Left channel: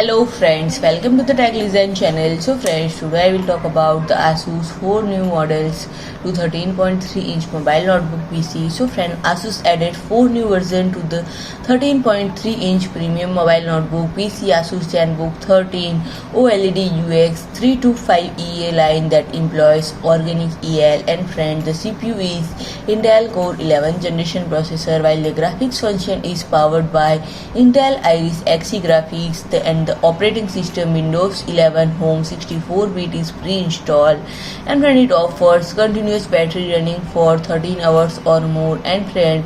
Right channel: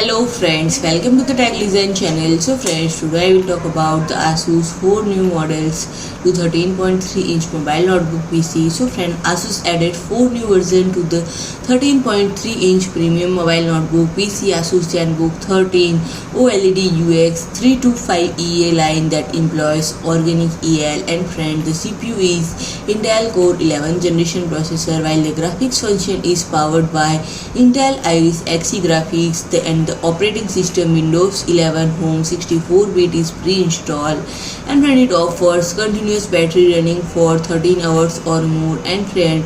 Hello friends, welcome to the Tech Design channel. So friends, today I will talk about the ASUS 4 new models to 13.3-inch mobile notebook PC. So friend, ASUS added 4 new versions to the 13.3-inch premium mobile notebook PC ASUS Zenbook 13 OLED UX325EA line that employs organic EL. And friend, the CPU is Intel Core 11 generation processor, while the graphics function is powered by Intel Iris Xe graphics. The operating system Windows 11 Home 64-bit is pre-installed, and friend, it offers continuous battery running for 13 hours or more. And friend,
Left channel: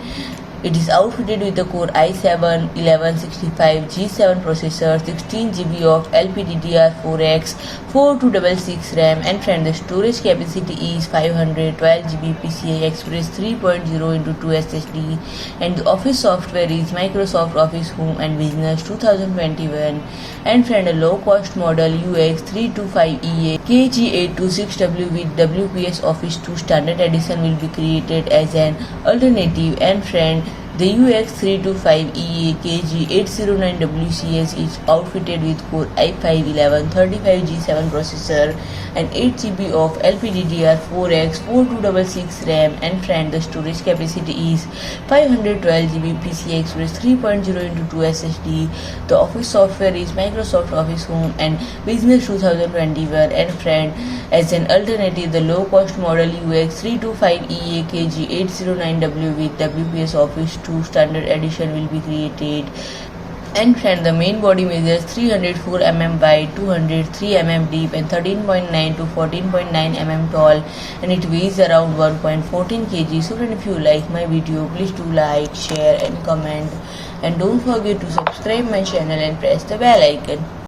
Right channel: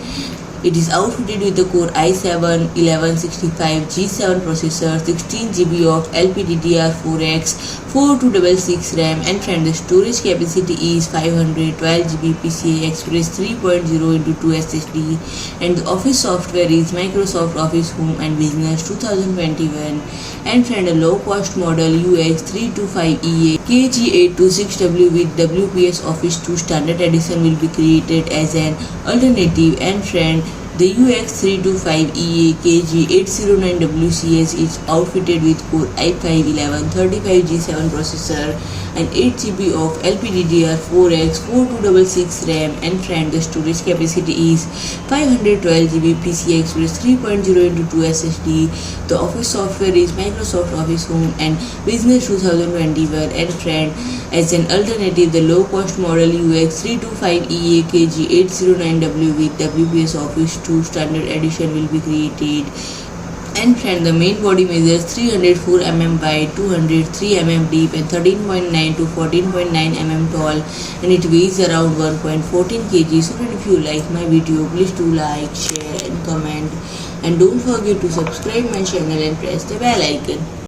it is outfitted with the Core i7-1165G7 processor, 16GB of LPDDR4X-4266 RAM, and friend, the storage capacity is 512GB PCI Express 3.0 into 2 SSD, and the office software is Microsoft Office Home and Business 2021. And friend, a low-cost model UX325EA KG826W with WPS Office 2 Standard Edition will be created as an alternative. And friend, the UX325EA KG809WCS is outfitted with Core i5-1135G7 processor and 8GB of LPDDR4X-4266 RAM. And friend, the storage capacity is 512GB PCI Express 3.0 into 2 SSD. The office software is Microsoft Office Home and Business 2021. And friend, as an alternative, the low-cost model UX325EA KG809W with WPS Office 2 Standard Edition will be created. And friend, the main body measures 304 mm by 203 mm deep and 13.9 to 14.9 mm tall, and it weighs around 1.14 kg. So friend, if you like my video, please do like, share and comment, and don't forget to subscribe my channel and press the bell icon.